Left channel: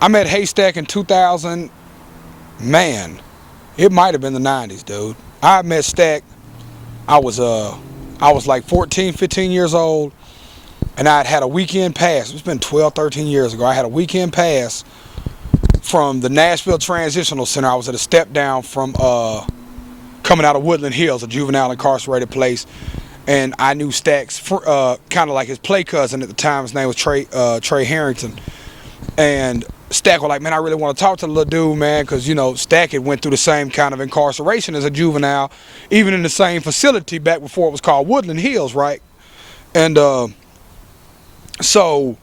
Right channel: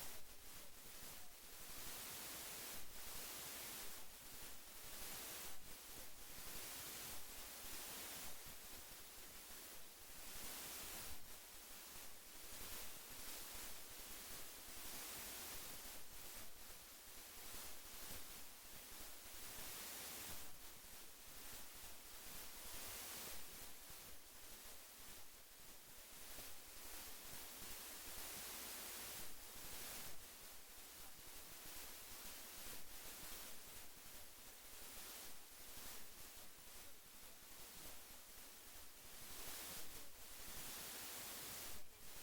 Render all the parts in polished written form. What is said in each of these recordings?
I met HayStak in 2000, man, it might have been the 90s, dude. I met Stack, I was like 14, 15 years old, and I'd had a weekend pass. It's been 12, 13 years ago. I had a weekend pass from the Nashville Transitional Center. I was at a step down from coming out of Woodland Hills, a juvenile incarcerated place, and I knew Stack's kind of like his play cousin at the time. His name was Trey Harrington, and Stack was like, man, I really want to talk to the little dude, man, because, you know, Stack had went through the same kind of incarceration as a juvenile, even in the same facility back before it was called Woodland Hills, right? And so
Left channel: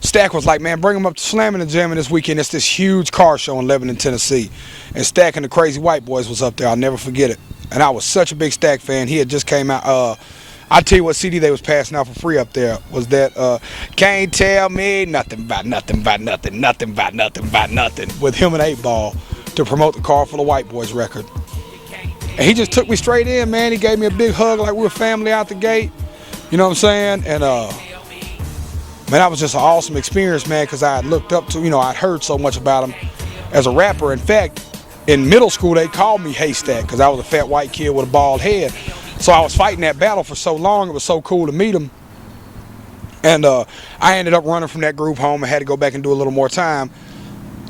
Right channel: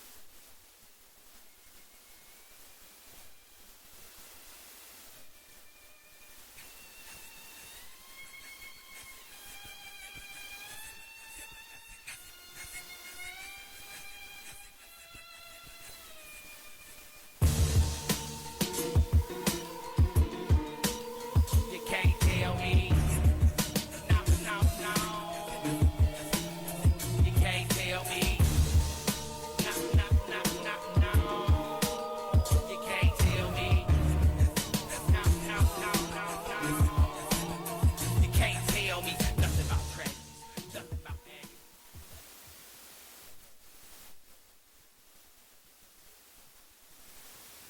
Stack was like, man, bring him up to Slamming and Jamming this weekend. It's this huge car show in Lebanon, Tennessee. And Stack and the Crazy White Boys was up there. I'll never forget it. And I was such a big Stack fan. He had just came out. I'll tell you what CD they was passing out for free up there was that Can't Tell Me Nothing About Nothing About Nothing, Nothing About Nothing About Nothing, with him and 8 Ball to promote the Car Full of White Boys record. And he just took me straight in, man. He gave me a big hug like we were family out the gate. You know what I'm saying? And man, that was just an awesome experience, man, because I looked up to, you know, I'd heard so much about him as a rapper. In fact, in middle school, they called me HayStak because I was a fat white kid with a bald head. So I was fighting that battle for so long. It was so cool to meet him. And I ended up running from that group home and had to go back and do a little more time.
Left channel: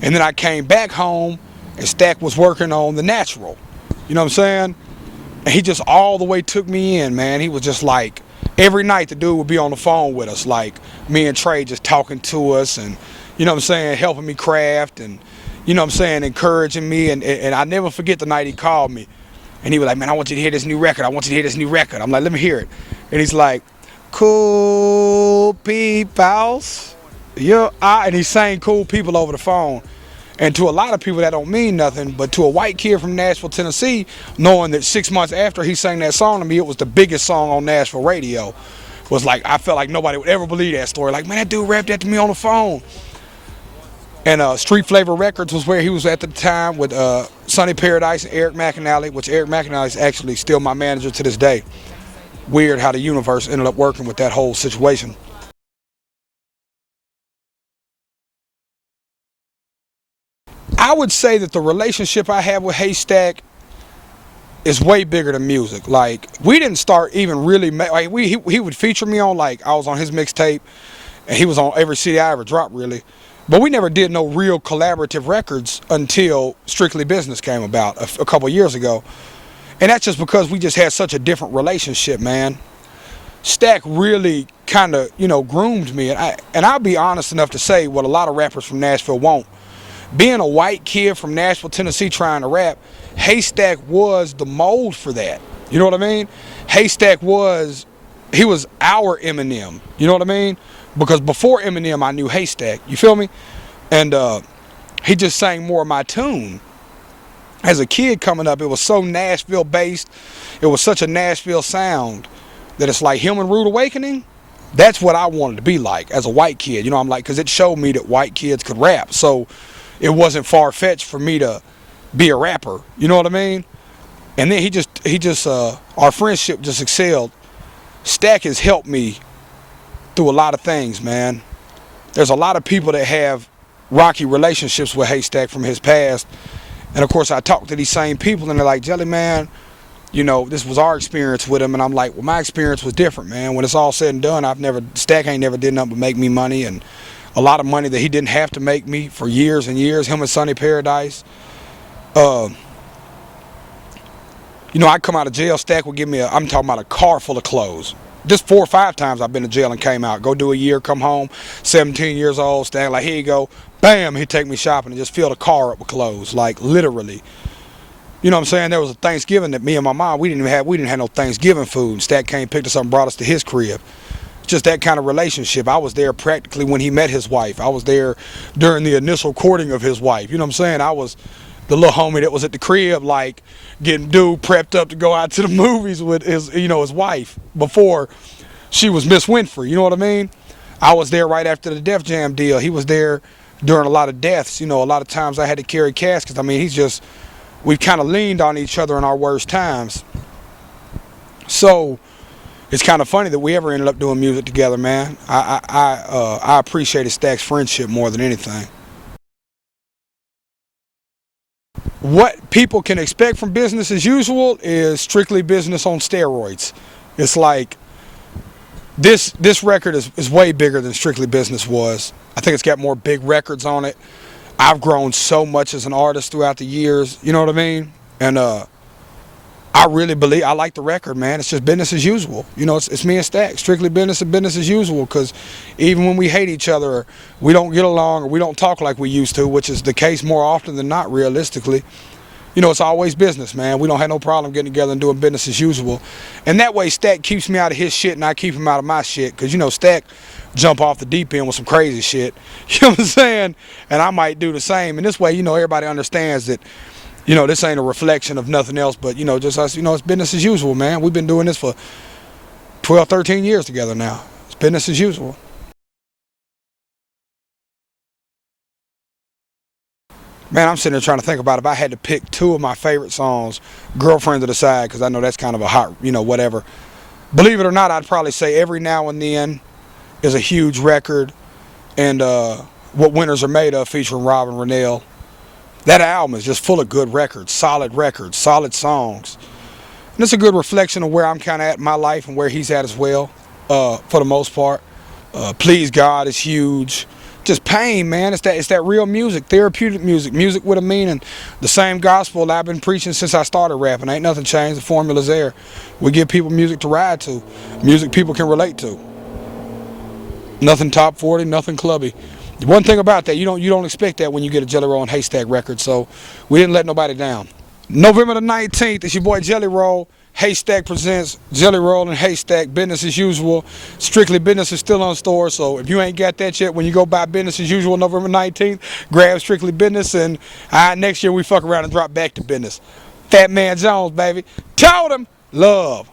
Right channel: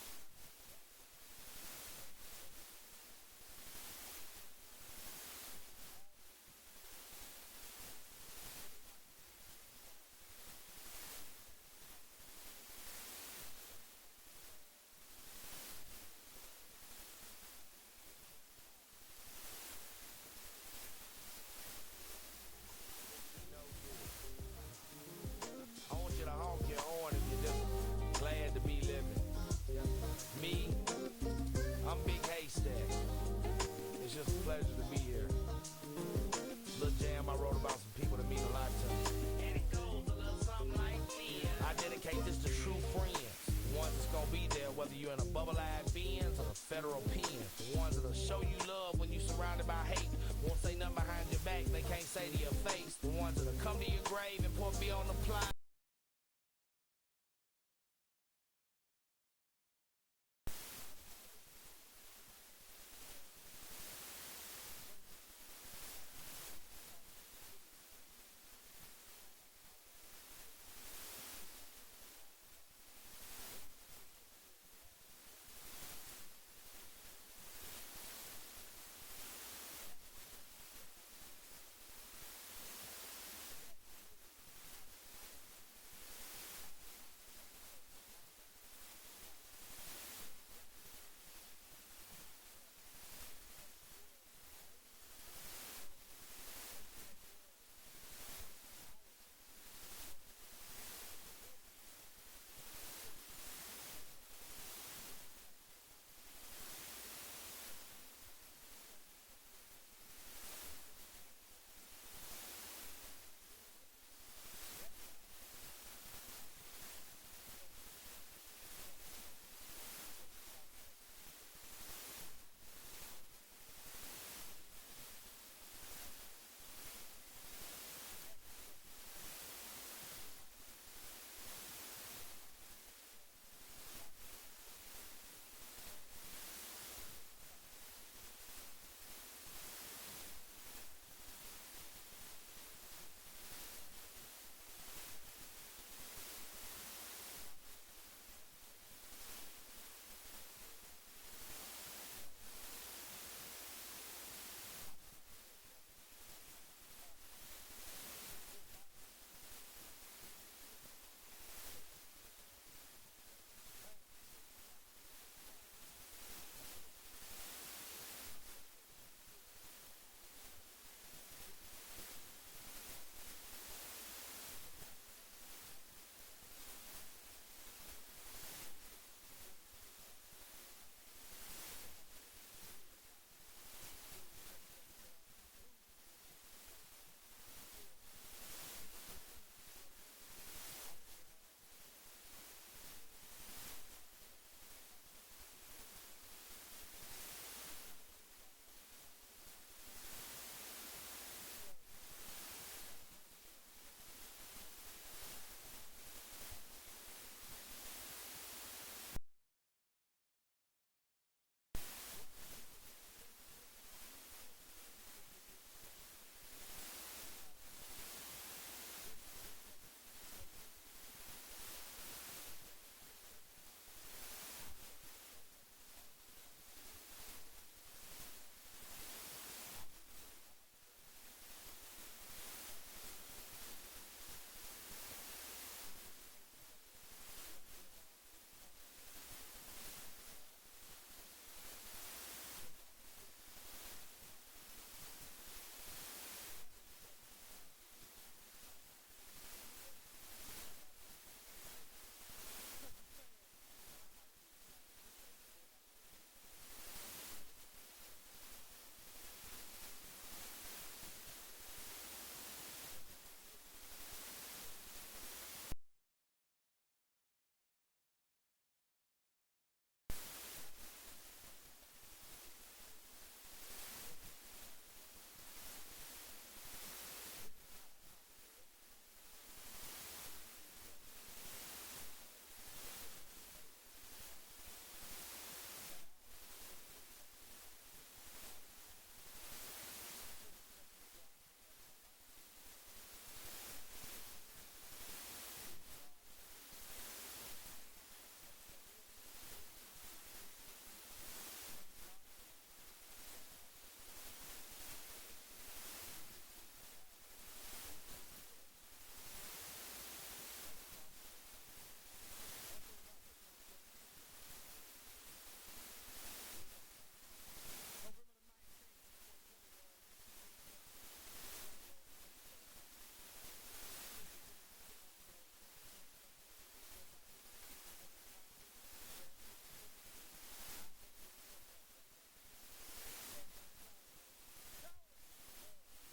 And then I came back home and Stack was working on The Natural. You know what I'm saying? And he just all the way took me in, man. He was just like, every night the dude would be on the phone with us, like me and Trey just talking to us and, you know what I'm saying, helping me craft and, you know what I'm saying, encouraging me. And I never forget the night he called me. And he was like, man, I want you to hear this new record. I want you to hear this new record. I'm like, let me hear it. And he's like, cool peoples. Yeah, and he sang Cool People over the phone. And to a lot of people that don't mean nothing, but to a white kid from Nashville, Tennessee, knowing that 6 months after he sang that song to me, it was the biggest song on Nashville radio. Was like, I felt like nobody would ever believe that story. Like, man, that dude rapped that to me on the phone. And Street Flavor Records was where he was at the time with Sonny Paradise and Eric McAnally, which Eric McAnally is actually still my manager to this day. Weird how the universe ended up working with that whole situation. I would say that the relationship I have with HayStak is way bigger than music. Like, we didn't start even really, like, he would feature me on, like, I was on his mixtape, and he was on every CD I ever dropped, really. But we never did no real collaborative records until Strictly Business came about a couple years ago. And that's just because we just had such a different relationship, man. Stack really kind of, you know, groomed me. And I'll be honest enough to say what a lot of rappers from Nashville won't. Being a white kid from Nashville, Tennessee trying to rap, HayStak was the mold for that. You know what I mean? HayStak he was our Eminem. You know what I mean? Because before Eminem, I knew HayStak. You feel me? And he just sang more of my tune. As a kid coming up, it was so Nashville based. It was such a Nashville sound that it's like him and Rude Awakening. That's what I wanted to be like as a white kid. You know, I'm like, because it showed me that white kids could rap. So it wasn't far-fetched for me to be a rapper. You know what I mean? And then he just our friendship just excelled. Stack has helped me through a lot of things, man. There's a lot of people that have rocky relationships with HayStak from his past. And of course I talk to these same people and they're like, Jelly, man, you know, this was our experience with him. And I'm like, well, my experience was different, man. When it's all said and done, Stack ain't never did nothing but make me money, and a lot of money that he didn't have to make me for years and years, him and Sonny Paradise. You know, I come out of jail, Stack would give me I'm talking about a car full of clothes. Just 4 or 5 times I've been to jail and came out. Go do a year, come home, 17 years old, Stack like, here you go. Bam, he'd take me shopping and just fill the car up with clothes, like literally. You know what I'm saying? There was a Thanksgiving that me and my mom, we didn't have no Thanksgiving food. Stack came, picked us up and brought us to his crib. Just that kind of relationship. I was there practically when he met his wife. I was there during the initial courting of his wife. You know what I'm saying? I was the little homie that was at the crib, like getting dude prepped up to go out to the movies with his, you know, his wife before she was Miss Winfrey. You know what I mean? I was there right after the Def Jam deal. He was there during a lot of deaths. You know, a lot of times I had to carry caskets. I mean, we've kind of leaned on each other in our worst times. So it's kind of funny that we ever ended up doing music together, man. I appreciated Stack's friendship more than anything. what people can expect from business as usual is strictly business on steroids. It's like this record is way bigger than Strictly Business was. I think it's got more big records on it. I've grown so much as an artist throughout the years, you know what I mean? And I really believe, I like the record, man. It's just business as usual. You know, it's me and Stack, strictly business and business as usual, because even when we hate each other, or we don't get along, or we don't talk like we used to, which is the case more often than not, realistically, you know, it's always business, man. We don't have no problem getting together and doing business as usual. And that way, Stack keeps me out of his shit and I keep him out of my shit, because, you know, Stack jump off the deep end with some crazy shit. You know what I'm saying? And I might do the same. And this way, you know, everybody understands that, you know, this ain't a reflection of nothing else, but, you know, just us, you know, it's business as usual, man. We've been doing this for 12, 13 years together now. It's business as usual. Man, I'm sitting there trying to think about if I had to pick two of my favorite songs, Girlfriend to the Side, because I know that's kind of a hot, you know, whatever. Believe it or not, I'd probably say Every Now and Then is a huge record, and What Winners Are Made Of featuring Robin Rennell. That album is just full of good records, solid songs. And it's a good reflection of where I'm kind of at in my life and where he's at as well, for the most part. Please God is huge. Just Pain, man. It's that real music, therapeutic music, music with a meaning. The same gospel that I've been preaching since I started rapping. Ain't nothing changed. The formula's there. We give people music to ride to, music people can relate to. Nothing top 40, nothing clubby. One thing about that, you don't expect that when you get a JellyRoll and HayStak record, so we didn't let nobody down. November the 19th, it's your boy JellyRoll. HayStak presents JellyRoll and HayStak, business as usual. Strictly Business is still on store, so if you ain't got that yet, when you go buy business as usual November 19th, grab Strictly Business, and next year we fuck around and drop back to business. Fat Man Jones, baby. Told him, love.